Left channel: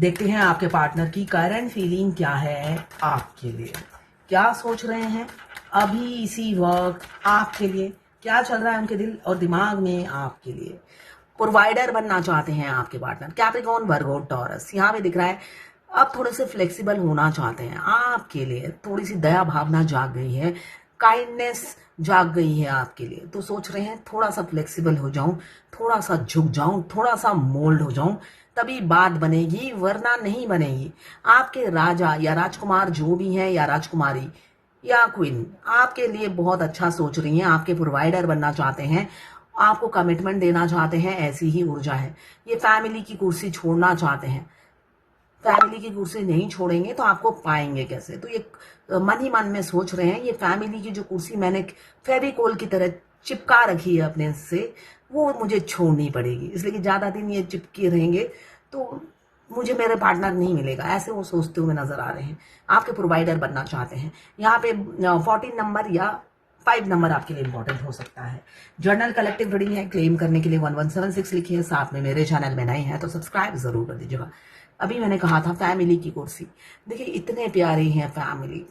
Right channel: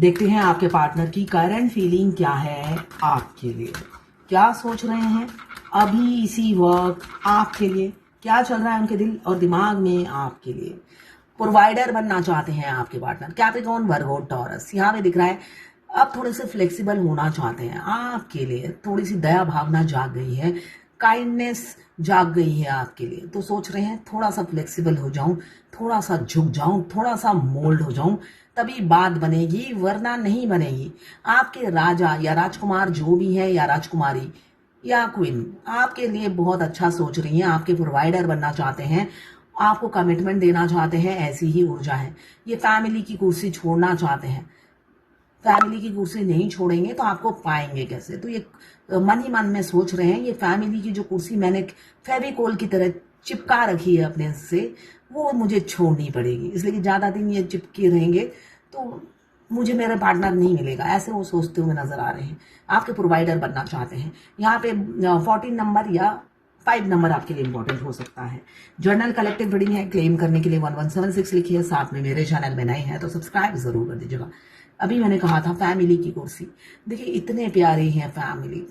देखते हैं आपके पार्टनर की करंट फीलिंग क्या है आपके लिए, क्या सोच रहे हैं अभी इसी वक्त आपके लिए, क्या चल रहा है उनके दिल और दिमाग में आपके लिए। प्रोवाइडर बनना चाहते हैं आपके पार्टनर, कैप्रिकॉर्न, वर्गो, टॉरस, यहाँ पे दिख रहा है। अब थोड़े से फ्लेक्सिबल होना चाहते हैं आपके लिए, थोड़ी सी दया भावना जाग गई है, काइंडनेस जाग गई है आपके लिए, तो सोच रहे हैं थोड़ा सा फ्लेक्सिबल हो जाऊं, थोड़ा सा झुक जाऊं, थोड़ा सा मोल्ड हो जाऊं, तभी बात बनेगी, वरना नहीं बनेगी। आपके राजा या राजकुमार जो भी हैं या राजकुमारी या क्वीन आपके लिए बहुत अच्छा सोच रही हैं, आपके प्रोवाइडर बनना चाहते हैं, आपको कमिटमेंट देना चाहते हैं, ऐसी ही ऊर्जा है। ये फैमिली की कुर्सी छोड़ना चाहते हैं, फैमिली की कुर्सी नहीं छोड़ेंगे तो आपको पाएंगे कैसे। तो ये मन ही मन में सोच रहे हैं, ये फैमिली की जो कुर्सी मैंने फेविकोल की तरह चिपका रखी है अपने से, वो मुझे छोड़नी पड़ेगी, इसलिए कि ज्यादा दिन ये चिपके रहेंगे तो मुझे मेरे पार्टनर नहीं मिलेगा, ऐसे वो सोचते हुए नजर आ रहे हैं। आपके प्रोवाइडर बनना चाहते हैं। यहाँ पे 14 नंबर या 5 नंबर आपके लिए इंपॉर्टेंट हो सकता है। जर्नल कलेक्टिव रीडिंग है, क्लेम करने के लिए 1176 लिखिए, साथ में मेरे चैनल में नए हैं तो सब्सक्राइब जरूर कर दीजिएगा। अभी मैंने कहा था फैमिली की कुर्सी, देखिए इतने प्यारे हैं फैमिली,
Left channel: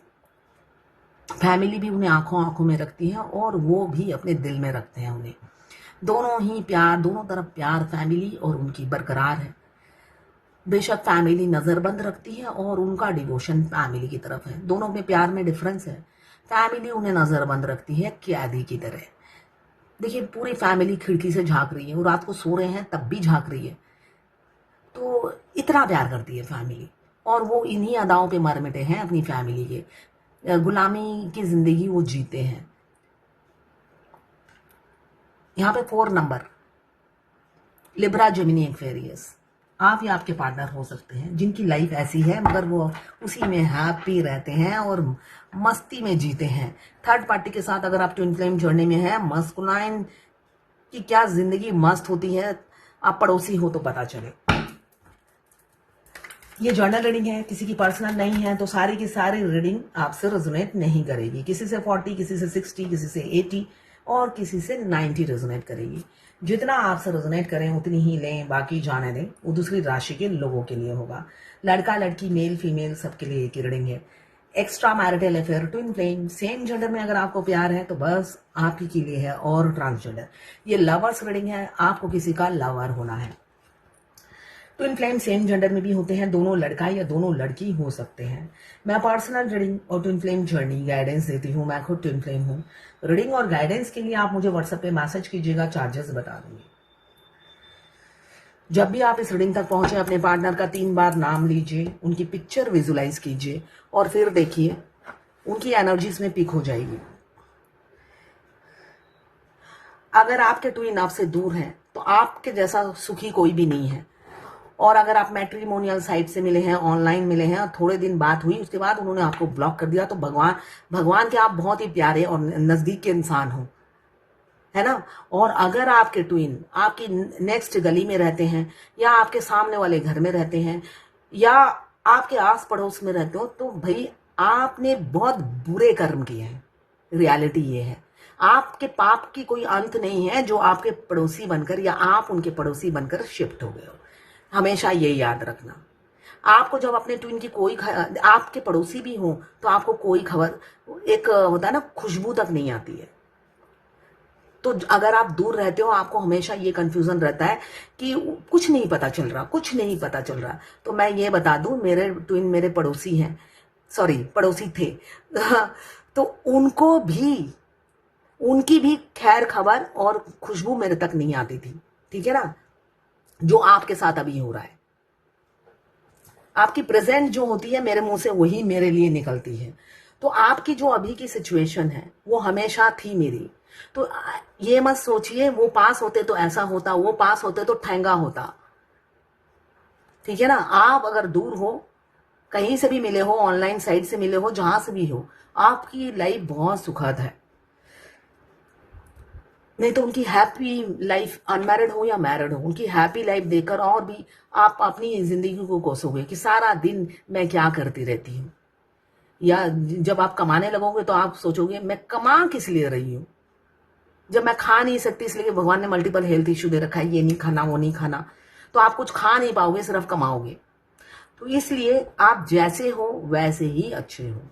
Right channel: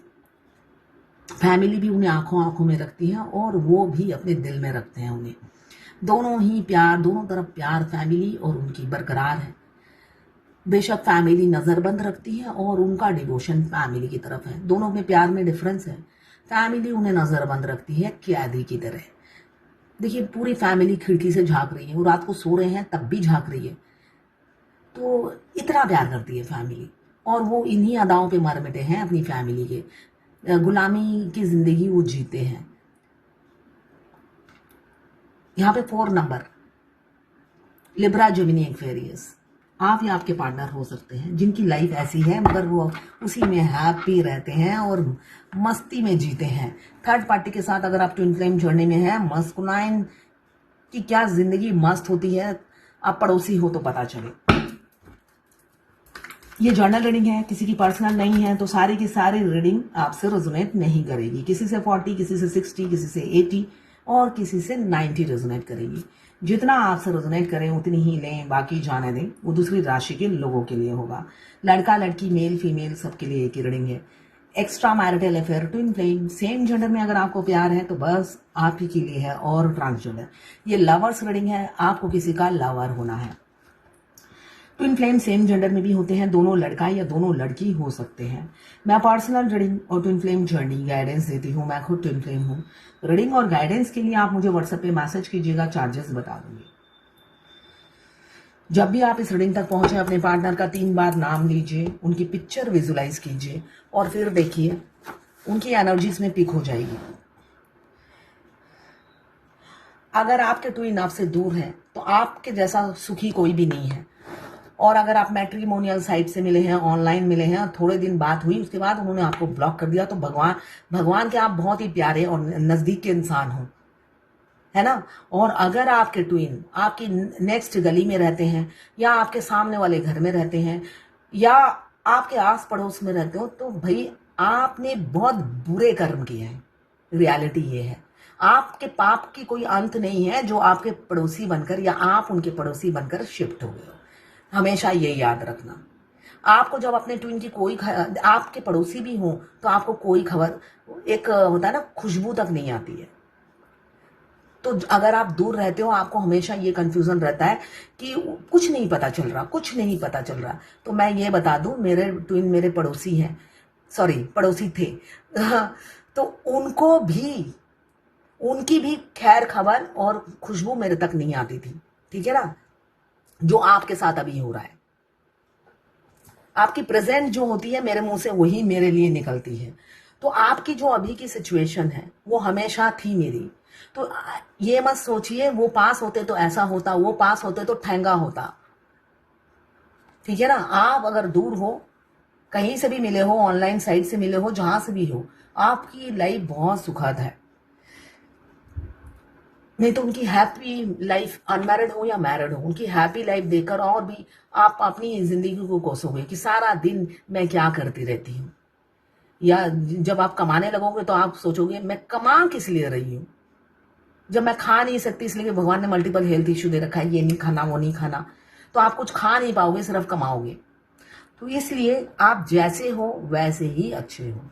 फैमिली भी उन्हें आंखों आंखों में रखती है और वो भी अपने दिल में रखते हैं उन्हें। दोनों ही प्यार, दोनों तरफ प्यार फैमिली और उनकी बरकरार है। बेशक फैमिली नजरबंद रखती है और उनका डिवोशन फैमिली की तरफ है, दोनों में प्यार में डिफरेंस है। फैमिली उन्हें नजरबंद रखती है कैदी की तरह। देखिए पूरी फैमिली खिड़की से झांक रही है, वो रात को सो रहे हैं तब भी झांक रही है, तो इतना प्यार करती है फैमिली। और वो इन्हीं अदाओं पे मर मिटे हैं अपनी फैमिली के, गुलामी की जिंदगी वो जीते हैं। यहाँ पे 4 नंबर लिब्रा, जेमिनी, एक्वेरियस, आप या आपके पार्टनर हो सकते हैं जिनकी लाइफ ऐसी है मगर वो उसी में हैप्पी रहते हैं और मस्ती में जीते हैं। थर्ड पार्टी के साथ अगर आप ट्विन फ्लेम जर्नी में है, मस्कुलाइन की क्या जिंदगी मस्त होती है, आप पड़ोसी हो तो पता चले। ये जर्नल रीडिंग है, किसी की पर्सनल नहीं है, तो सारी की सारी रीडिंग आपसे रेजोनेट नहीं करेगी। किसी से 40, किसी से 60, किसी से 80 और किसी से 90 रेजोनेट करेगी। जितना आपसे रेजोनेट करें उतनी ही लें, बाकी जाने दें, वो दूसरी राशि के लोगों के लिए होगा। लड़का लड़की, मेल फीमेल, सबके लिए एक ही रीडिंग है। Extra marital affair, twin flame, same gender में अगर आपको प्यार है तो बस आप ही के लिए है, और ट्रांसजेंडर, ये लवर्स रीडिंग है, आपको किसी का लवर होना है। ट्विन फ्लेम सेम जेंडर में भी होते हैं, दोनों लड़का या दोनों लड़की हो सकते हैं। मैं पर्सनल रीडिंग और ट्विन फ्लेम जर्नी गाइडेंस देती हूँ, मैं खुद ट्विन फ्लेम हूँ। रीडिंग और गाइडेंस के लिए आप मुझे व्हाट्सएप पे मैसेज कीजिएगा, चार्जेस बता दूंगी। जब भी आप इस रीडिंग तक पहुंचे अपने पार्टनर का 3 बार नाम लीजिए, उनकी पिक्चर विजुलाइज कीजिए और फिर देखिए उनकी एनर्जीज में पिक हो जाएगी। अगर आपके ट्विन आपसे दूर है तो आपके जैसा सुखी कोई भी नहीं है, और अगर आप मैट्रिमोनियल साइट से मिले हैं, ऑनलाइन मिले हैं और थोड़े दिन बात हुई उसके बाद उन्होंने आपको ब्लॉक कर दिया, तो भगवान के आप बहुत ही प्यारे और नजदीक के इंसान हो, है ना। और अगर आपके ट्विन आपकी नेक्स्ट गली में रहते हैं या आपके सामने वाले घर में रहते हैं या आपके आस पड़ोस में रहते हो, तो भाई आपने बहुत बुरे कर्म किए हैं। रियलिटी ये है, आपके पाप की कोई अंत नहीं है जो आपके पड़ोसी बनकर या आप उनके पड़ोसी बनकर शिफ्ट हो गए हो। हमेशा ये याद रखना। आपको जब अपने ट्विन की कोई आपके पड़ोसी भी हो तो आपको कोई खबर, एक होता है ना, खुशबू तक नहीं आती है। तो अगर आप दूर रहते हो आपको हमेशा ये कंफ्यूजन रहता है कि कुछ नहीं पता चल रहा, कुछ नहीं पता चल रहा। तो मैं ये बता दूं, मेरे ट्विन मेरे पड़ोसी हैं, सॉरी पड़ोसी थे तो उनकी भी खैर खबर और खुशबू मेरे तक नहीं आती थी, ठीक है ना, जो आपके साथ अभी हो रहा है। आपकी प्रेजेंट जो होती है मेरे मुंह से वही मेरे लिए निकलती है। तो आपकी जो अभी की सिचुएशन है वो हमेशा थी मेरी। तो ये मत सोचिए वो पास होते तो ऐसा होता, वो पास होते तो ठहंगा होता, ठीक है ना। आप अगर दूर हो, कहीं से भी मिले हो, ऑनलाइन साइट से मिले हो, जहां से भी हो, आपकी लाइफ बहुत सुखद है। नहीं तो उनकी हैप्पी लाइफ, अनमैरिड हो या मैरिड हो, उनकी हैप्पी लाइफ देखकर और भी आप अपनी जिंदगी को कोसोगे कि सारा दिन मैं क्या करती रहती हूँ। या जब आप कमाने लगोगे तो आप सोचोगे मैं कमा किस लिए रही हूँ, जब मैं खा नहीं सकती, इसलिए भगवान ने मल्टीपल हेल्थ इश्यू दे रखा है, ये नहीं खाना वो नहीं खाना, तो आप कुछ खा नहीं पाओगे, सिर्फ कमाओगे। तो इसलिए आप जैसे हो वैसे ही अच्छे हो।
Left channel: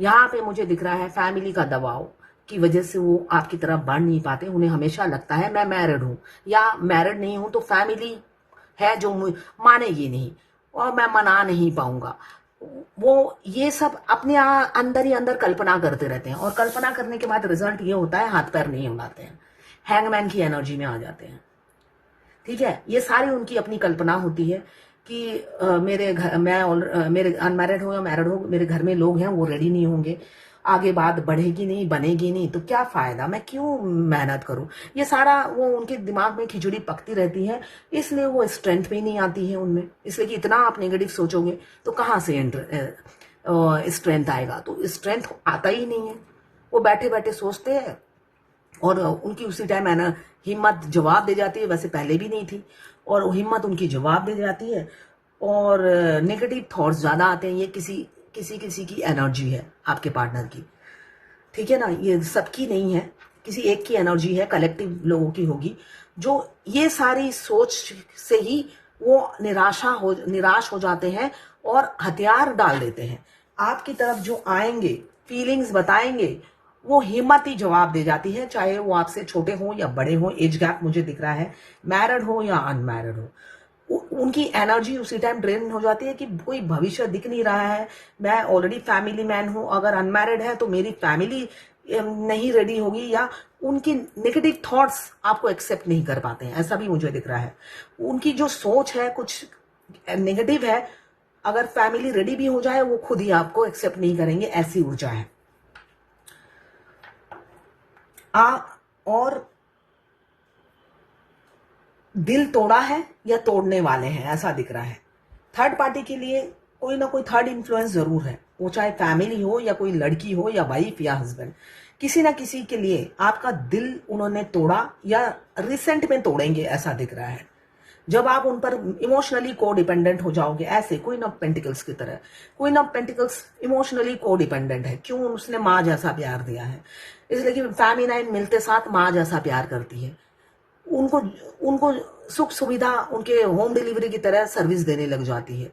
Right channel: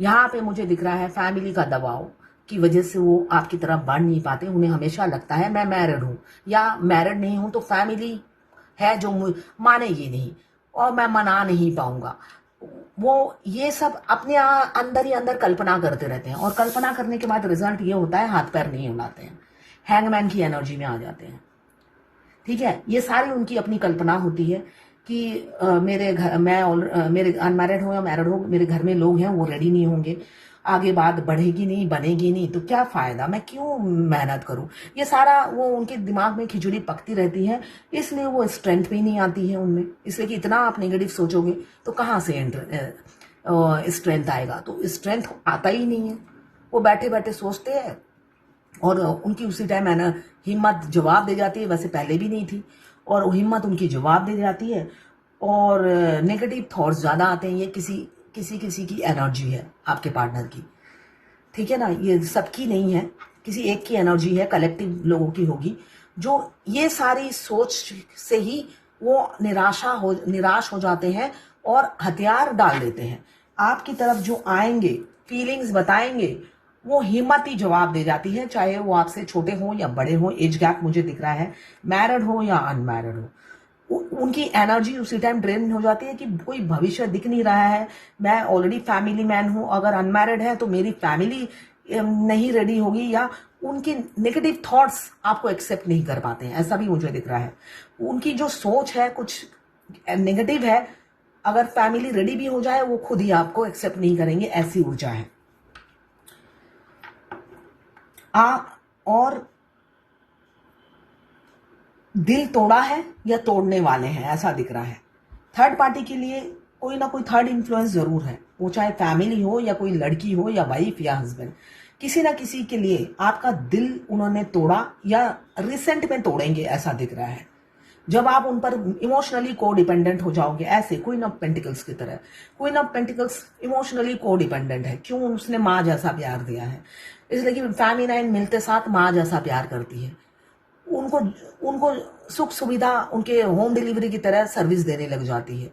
यहाँ पे मुझे दिख रहा है फैमिली का दबाव की वजह से वो आपकी तरफ बढ़ नहीं पाते। उन्हें हमेशा लगता है मैं मैरिड हूँ या मैरिड नहीं हूँ तो फैमिली है जो मानेगी नहीं और मैं मना नहीं पाऊंगा। वो ये सब अपने अंदर ही अंदर कल्पना करते रहते हैं और कल्पना करने के बाद रिजल्ट ये होता है हाथ पैर नहीं हिलाते हैं, हैंगमैन की एनर्जी में आ जाते हैं। ठीक है, ये सारी उनकी अपनी कल्पना होती है कि मेरे घर मेरे अनमैरिड हो या मैरिड हो, मेरे घर में लोग हैं वो रेडी नहीं होंगे, आगे बात बढ़ेगी नहीं बनेगी नहीं तो क्या फायदा, मैं क्यों मेहनत करूं। ये सारा वो उनके दिमाग में खिचड़ी पकती रहती है, इसलिए वो स्ट्रेंथ भी नहीं आती है उनमें। इसलिए कि इतना आप नेगेटिव सोचोगे तो कहाँ से स्ट्रेंथ आएगा, तो स्ट्रेंथ आता ही नहीं है। वो बैठे बैठे सोचते हैं और उनकी उसी टाइम है ना हिम्मत जवाब दे जाती है, वैसे पहले भी नहीं थी, और हिम्मत उनकी जवाब दे जाती है और नेगेटिव थॉट्स ज्यादा आते हैं। ये किसी किसी किसी की एनर्जी है आपके पार्टनर की, ठीक है ना, ये सबकी नहीं है, किसी एक की एनर्जी है, कलेक्टिव लोगों की होगी जो ये सारी सोच से ही वो निराश हो जाते हैं और हथियार डाल देते हैं आपकी तरफ। जो आएंगे फीलिंग्स बताएंगे वो हिम्मत ही जवाब दे जाती है, चाहे वो आपसे छोटे हो या बड़े हो। एज गैप मुझे दिख रहा है, मैरिड हो या अनमैरिड हो, उनकी एनर्जी उसी टाइम ड्रेन हो जाती है कि कोई भविष्य दिख नहीं रहा है। मैं ऑलरेडी फैमिली मैन हूं, अगर अनमैरिड है तो मेरी फैमिली नहीं रेडी होगी, या उनकी नेगेटिव थॉट्स आपको एक्सेप्ट नहीं कर पाते हैं, ऐसा भी मुझे दिख रहा है। उनकी जो सोच है कुछ नेगेटिव है, अगर फैमिली रेडी भी हो जाए वो खुद ही आपको एक्सेप्ट नहीं करेंगे, ऐसी ऊर्जा है। और दिल तोड़ा है या तोड़ने वाले हैं, ऐसा दिख रहा है। थर्ड पार्टी के लिए कोई ना कोई थर्ड इन्फ्लुएंस जरूर है, वो चाहे फैमिली हो या कोई लड़की हो या वाइफ या हस्बैंड, किसी ना किसी के लिए आपका दिल उन्होंने तोड़ा या रिसेंट में तोड़ेंगे, ऐसा दिख रहा है। जब आप उन पर इमोशनली को डिपेंडेंट हो जाओगे, ऐसे क्वीन ऑफ पेंटिकल्स की तरह। क्वीन ऑफ पेंटिकल्स इमोशनली को डिपेंडेंट है, क्यों, उसने माँ जैसा प्यार दिया है, इसलिए कि फेमिनाइन मिलते साथ माँ जैसा प्यार करती है। उनको उनको सुख सुविधा उनके होम डिलीवरी की तरह सर्विस देने लग जाती है,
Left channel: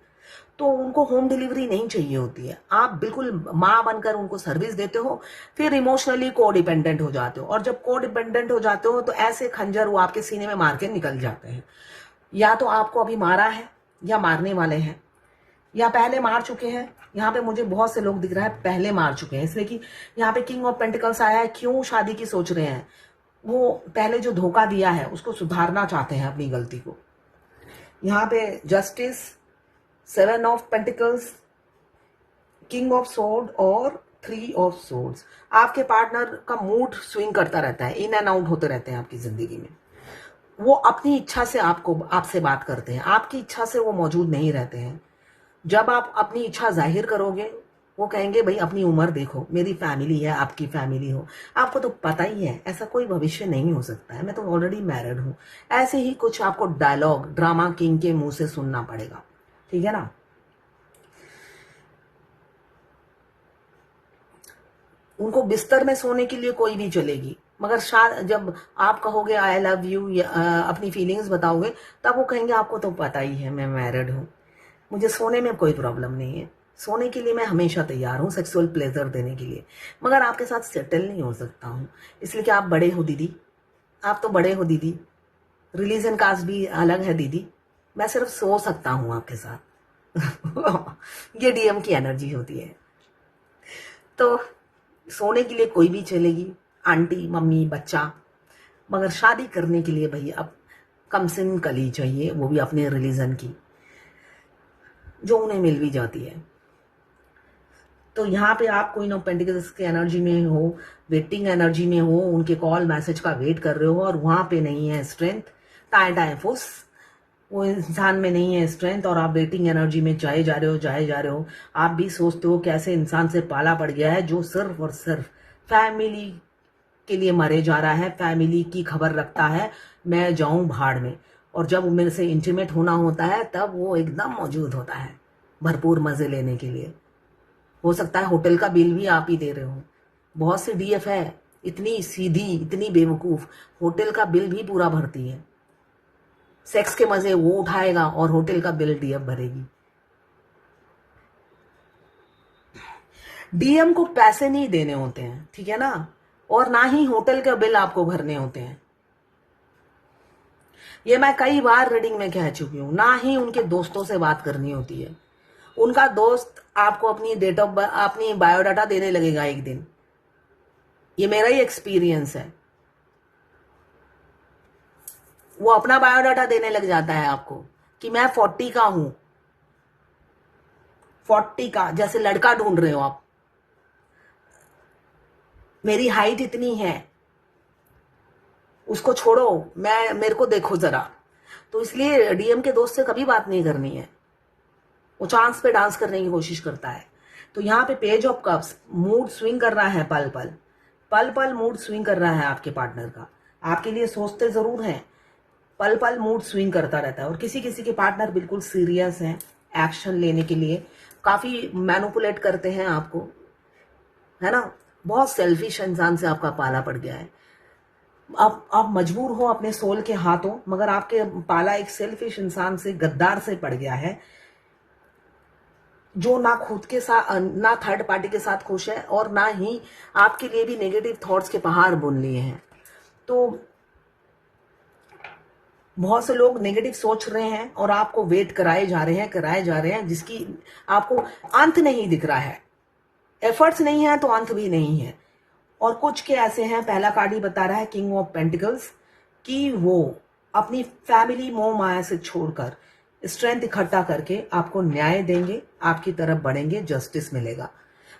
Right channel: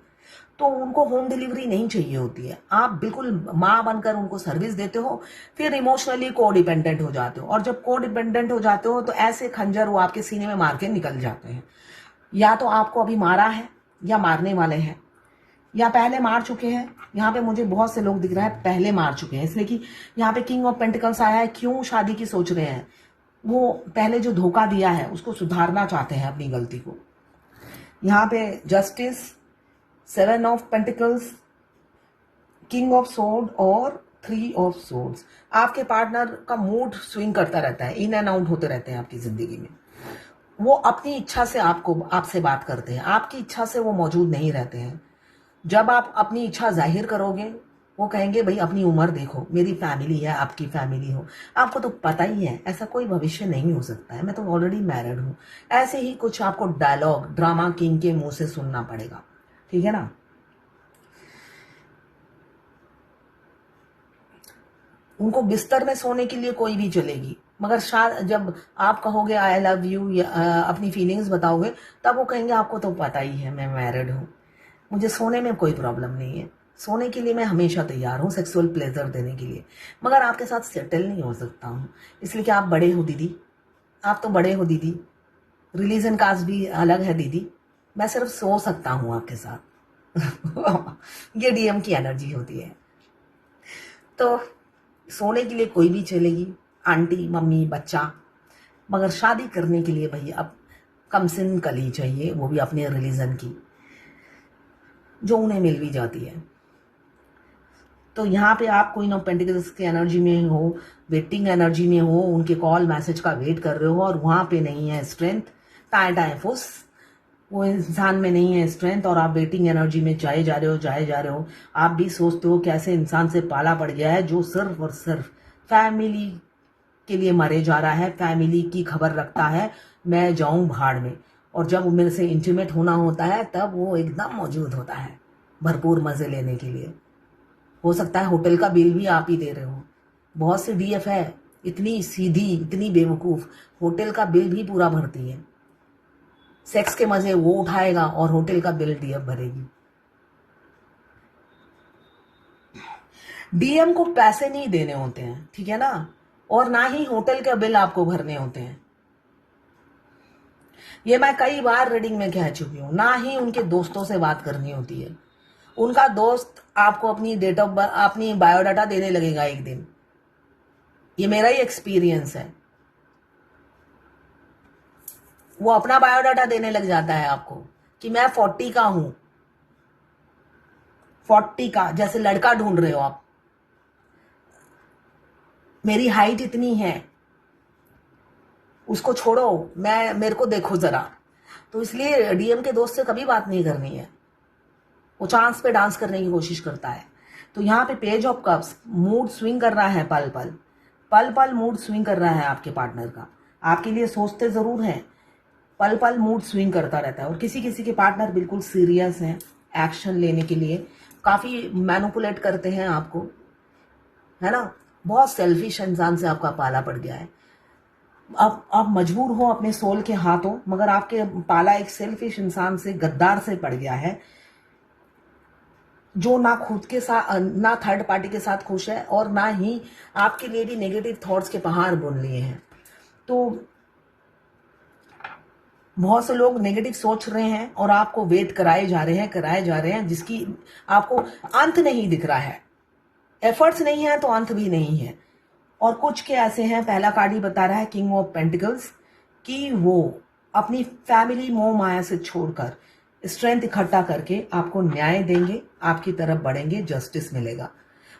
तो उनको होम डिलीवरी नहीं चाहिए होती है। आप बिल्कुल माँ बनकर उनको सर्विस देते हो, फिर इमोशनली को डिपेंडेंट हो जाते हो, और जब को डिपेंडेंट हो जाते हो तो ऐसे खंजर वो आपके सीने में मार के निकल जाते हैं। या तो आपको अभी मारा है या मारने वाले हैं या पहले मार चुके हैं। यहाँ पे मुझे बहुत से लोग दिख रहा है पहले मार चुके हैं, इसलिए कि यहाँ पे किंग ऑफ पेंटिकल्स आया है। क्यों शादी की सोच रहे हैं, वो पहले जो धोखा दिया है उसको सुधारना चाहते हैं अपनी गलती को। यहाँ पे justice, 7 of pentacles, king of sword और 3 ऑफ सोर्ड्स। आपके पार्टनर का मूड स्विंग करता रहता है, इन एंड आउट होते रहते हैं आपकी जिंदगी में। वो अपनी इच्छा से आपसे बात करते हैं, आपकी इच्छा से वो मौजूद नहीं रहते हैं। जब आप अपनी इच्छा जाहिर करोगे वो कहेंगे भाई अपनी उम्र देखो, मेरी फैमिली है, आपकी फैमिली हो, आपको तो पता ही है ऐसा कोई भविष्य नहीं हो सकता है, मैं तो ऑलरेडी मैरिड हूं। ऐसे ही कुछ आपको डायलॉग ड्रामा किंग के मुंह से सुनना पड़ेगा, ठीक है ना। उनको बिस्तर में सोने के लिए कोई भी चलेगी, मगर जब आप कहोगे आई लव यू या अपनी फीलिंग्स बताओगे, तब वो कहेंगे आपको तो पता ही है मैं मैरिड हूं, मुझे सोने में कोई प्रॉब्लम नहीं है, सोने के लिए मैं हमेशा तैयार हूं, सेक्सुअल प्लेजर देने के लिए, मगर आपके साथ सेटल नहीं हो सकता हूं, इसलिए कि आप बड़े हो दीदी, आप तो बड़े हो दीदी, रिलीजन कास्ट भी अलग है दीदी, मैं सिर्फ सो सकता हूं आपके साथ। ये डीएम की एनर्जी होती है। तो सोने के लिए कोई भी चलेगी, आंटी, मम्मी, बच्चा, मगर शादी करने के लिए भाई अब कम सिन कली चाहिए, वो भी अपने रिलीजन की, जो उन्हें मिल भी जाती है। तो यहाँ पे आप क्वीन ऑफ पेंटिकल्स के एनर्जी में हो, वेटिंग एनर्जी में हो, उनके कॉल मैसेज का वेट कर रहे हो, और वहां पे नहीं है स्ट्रेंथ, टाइम फुस, वो इंसान में नहीं है स्ट्रेंथ, और आप वेटिंग एनर्जी में जाए जा रहे हो। आप भी सोचते हो कैसे इंसान से पाला पड़ गया है जो सिर्फ और सिर्फ फैमिली के लिए मरे जा रहा है, फैमिली की खबर रखता है, मैं जाऊं भाड़ में, और जब मेरे से इंटीमेट होना होता है तब वो एकदम मौजूद होता है भरपूर मजे लेने के लिए। हो सकता है होटल का बिल भी आप ही दे रहे हो। बहुत सी डीएफ है इतनी सीधी, इतनी बेवकूफ, होटल का बिल भी पूरा भरती है, सेक्स के मजे वो उठाएगा और होटल का बिल डीएफ भरेगी। डीएम को पैसे नहीं देने होते हैं, ठीक है ना, और ना ही होटल के बिल आपको भरने होते हैं। ये मैं कई बार रीडिंग में कह चुकी हूं। ना ही उनके दोस्तों से बात करनी होती है। उनका दोस्त आपको अपनी डेट ऑफ बर्थ, अपनी बायोडाटा देने लगेगा एक दिन। ये मेरा ही एक्सपीरियंस है। वो अपना बायोडाटा देने लग जाता है आपको कि मैं 40 का हूं, 40 का, जैसे लड़का ढूंढ रहे हो आप, मेरी हाइट इतनी है, उसको छोड़ो, मेरे को देखो जरा। तो इसलिए डीएम के दोस्त से कभी बात नहीं करनी है। वो चांस पे डांस करने की कोशिश करता है। तो यहाँ पे page of cups, mood swing कर रहा है, पल पल मूड स्विंग कर रहा है आपके पार्टनर का। आपके लिए सोचते जरूर हैं, पल पल मूड स्विंग करता रहता है। और किसी किसी के पार्टनर बिल्कुल सीरियस हैं एक्शन लेने के लिए, काफी मैनिपुलेट करते हैं आपको, है ना। बहुत सेल्फिश इंसान से आपका पाला पड़ गया है। अब आप मजबूर हो अपने सोल के हाथों, मगर आपके पाला एक सेल्फिश इंसान से, गद्दार से पड़ गया है, जो ना खुद के साथ, ना थर्ड पार्टी के साथ खुश है, और ना ही आपके लिए भी नेगेटिव थॉट्स के पहाड़ बुन लिए हैं। तो बहुत से लोग नेगेटिव सोच रहे हैं और आपको वेट कराए जा रहे हैं, जिसकी आपको अंत नहीं दिख रहा है। एफर्ट्स नहीं है तो अंत भी नहीं है। और कुछ के ऐसे हैं, पहला कार्ड ही बता रहा है किंग ऑफ पेंटिकल्स, कि वो अपनी फैमिली मोह माया से छोड़कर स्ट्रेंथ इकट्ठा करके आपको न्याय देंगे, आपकी तरफ बढ़ेंगे, जस्टिस मिलेगा।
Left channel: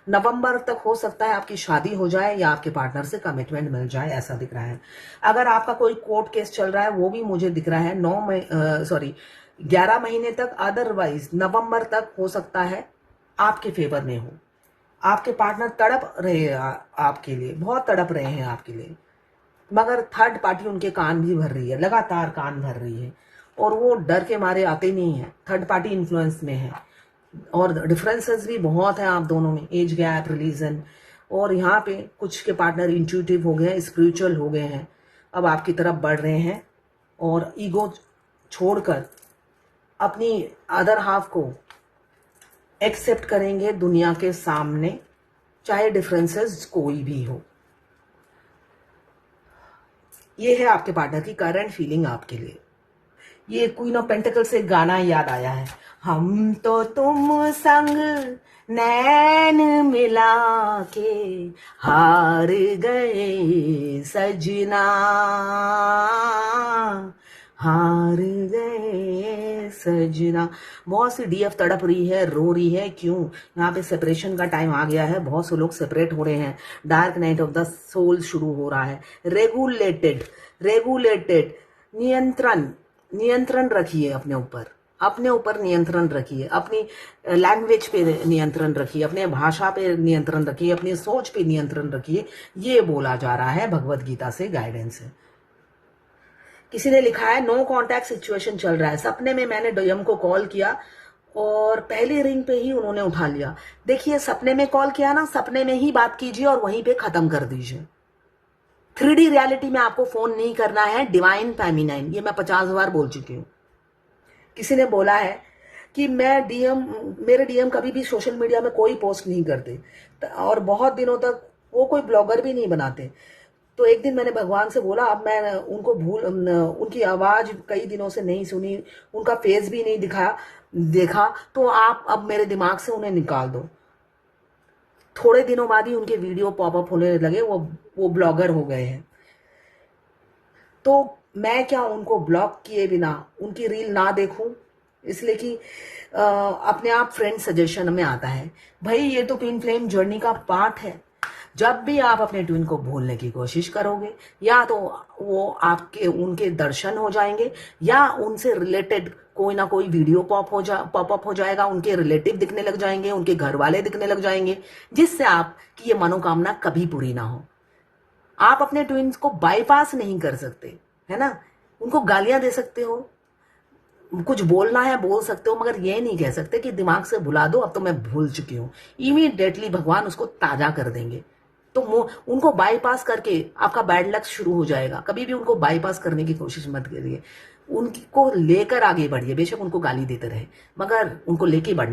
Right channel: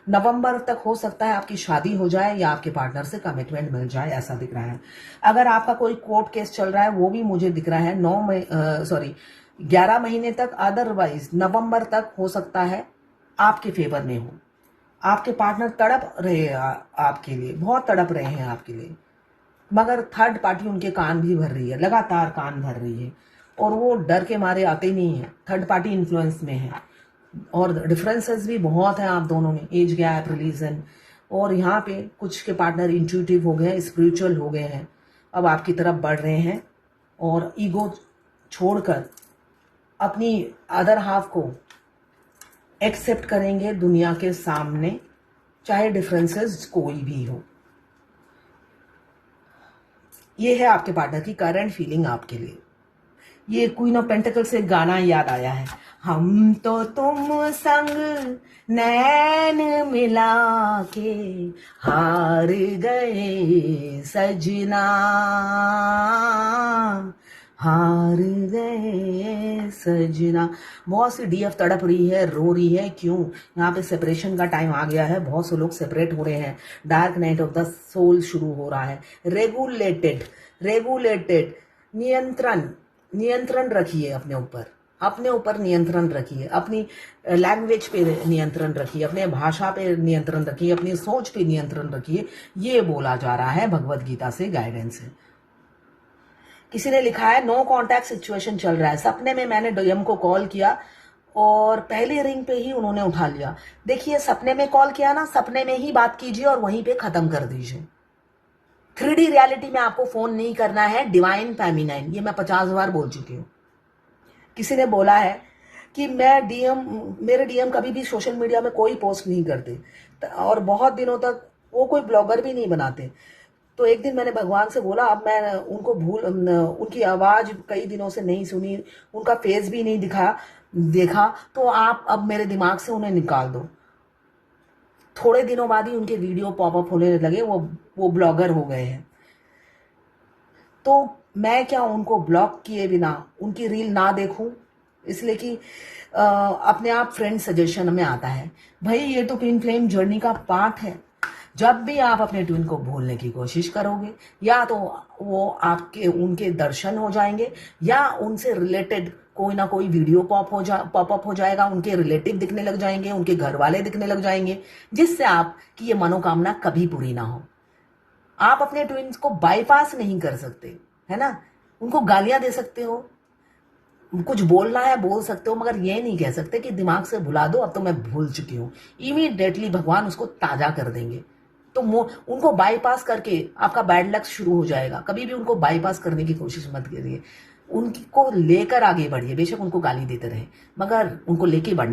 नवंबर तक हो सकता है आपकी शादी हो जाए या आपके पार्टनर से कमिटमेंट मिल जाए, ऐसा दिख रहा है। अगर आपका कोई कोर्ट केस चल रहा है, वो भी मुझे दिख रहा है 11 महीने तक, अदरवाइज नवंबर तक हो सकता है आपके फेवर में हो। आपके पार्टनर तड़प रहे हैं आपके लिए, बहुत तड़प रहे हैं आपके लिए, मगर थर्ड पार्टी उनके कान भी भर रही है, लगातार कान भर रही है, और वो डर के मारे आते नहीं है। थर्ड पार्टी इन्फ्लुएंस में है, और डिफरेंसेस भी बहुत हैं आप दोनों में, एज गैप, रिलीजन। और यहाँ पे कुछ के पार्टनर इंट्यूटिव हो गए, स्पिरिचुअल हो गए हैं, अब आपकी तरफ बढ़ रहे हैं, और ईगो छोड़कर अपनी अदर हाफ को एक्सेप्ट करेंगे दुनिया के सामने, चाहे डिफरेंसेस कोई भी हो। ये है आपके पार्टनर की करंट फीलिंग आपके लिए। ये क्वीन ऑफ पेंटिकल से गाना याद आया है, हम तो तुम संग नैन मिला के हार गए सजना, हार गए सजना। बहुत सी डीएफ तड़प रही है, रो रही है। क्यों? यहाँ पे सेपरेशन का टाइम आ गया है, बहुत से लोग सेपरेट हो रहे हैं, dark night of the soul शुरू हो रहा है। रेगुलेटेड नियंत्रण रखिए अपने ऊपर नियंत्रण रखिए, अपनी लैंग्वेज पे नियंत्रण रखिए, अपने भाषा पे नियंत्रण रखिए, अपनी सोच पे नियंत्रण रखिए। ये बोला जा रहा है भगवत गीता से, गाइडेंस है। किसी ने लिखा है नो कॉन्टैक्ट सिचुएशन चल रहा है। सपने में मैंने डीएम को कॉल किया और पहली रिंग पे ही उन्होंने उठा लिया। देखिए, सपने में कॉल किया ना, सपने में ही बात कीजिए और वहीं पे खत्म कर दीजिए। 3D रियलिटी में आपको फोन नहीं करना है। डिवाइन फेमिनाइन, ये मैं 50 बार बोल चुकी हूँ। किसी ने बोला है कि मेरे डीएम कभी भी सोशल मीडिया में कोई पोस्ट नहीं करते, और बहुत दिनों तक वो कोई ब्लॉगर भी नहीं बनाते। तो एक दिन मैंने भगवान से बोला, अब मैं उनको उनकी आवाज कई दिनों से नहीं सुनी, उनका फेस भी नहीं देखा, तो आप अब मेरे दिमाग से उन्हें निकाल दो। थोड़े दिनों बाद ही उनके वीडियो पॉपअप होने लगे, वो ब्लॉगर हो गए हैं। तो मैं क्या उनको ब्लॉक किए बिना उनकी रील ना देखूं? इसलिए कि अपने आप फ्रेंड सजेशन में आता है। भाई, ये तो ट्विन फ्लेम जर्नी का पार्ट है। जब भी आप अपने ट्विन को भूलने की कोशिश करोगे, या तो वो उनके दर्शन हो जाएंगे, या उनसे रिलेटेड कोई ना कोई वीडियो पॉपअप हो जाएगा, उनके रिलेटिव दिखने लग जाएंगे, उनके घर वाले दिखने लग जाएंगे, जिससे आपकी ये मनोकामना कभी पूरी ना हो। आप अपने ट्विन्स को बाईपास नहीं कर सकते, है ना। उनको गालियां दे सकते हो, कुछ बोलना है बोल सकते हो, मगर ये नहीं कह सकते कि दिमाग से भुला दो, अब तो मैं भूल चुकी हूं। इमीडिएटली भगवान उसको ताजा कर देंगे। तो उनको बाईपास करके आपका बैड लक शुरू हो जाएगा। कभी भी उनको बाईपास करने की कोशिश मत करिए, उनको लेकर आगे बढ़िए। बेशक उनको गाली देते रहे, मगर उनको लेके बढ़ना।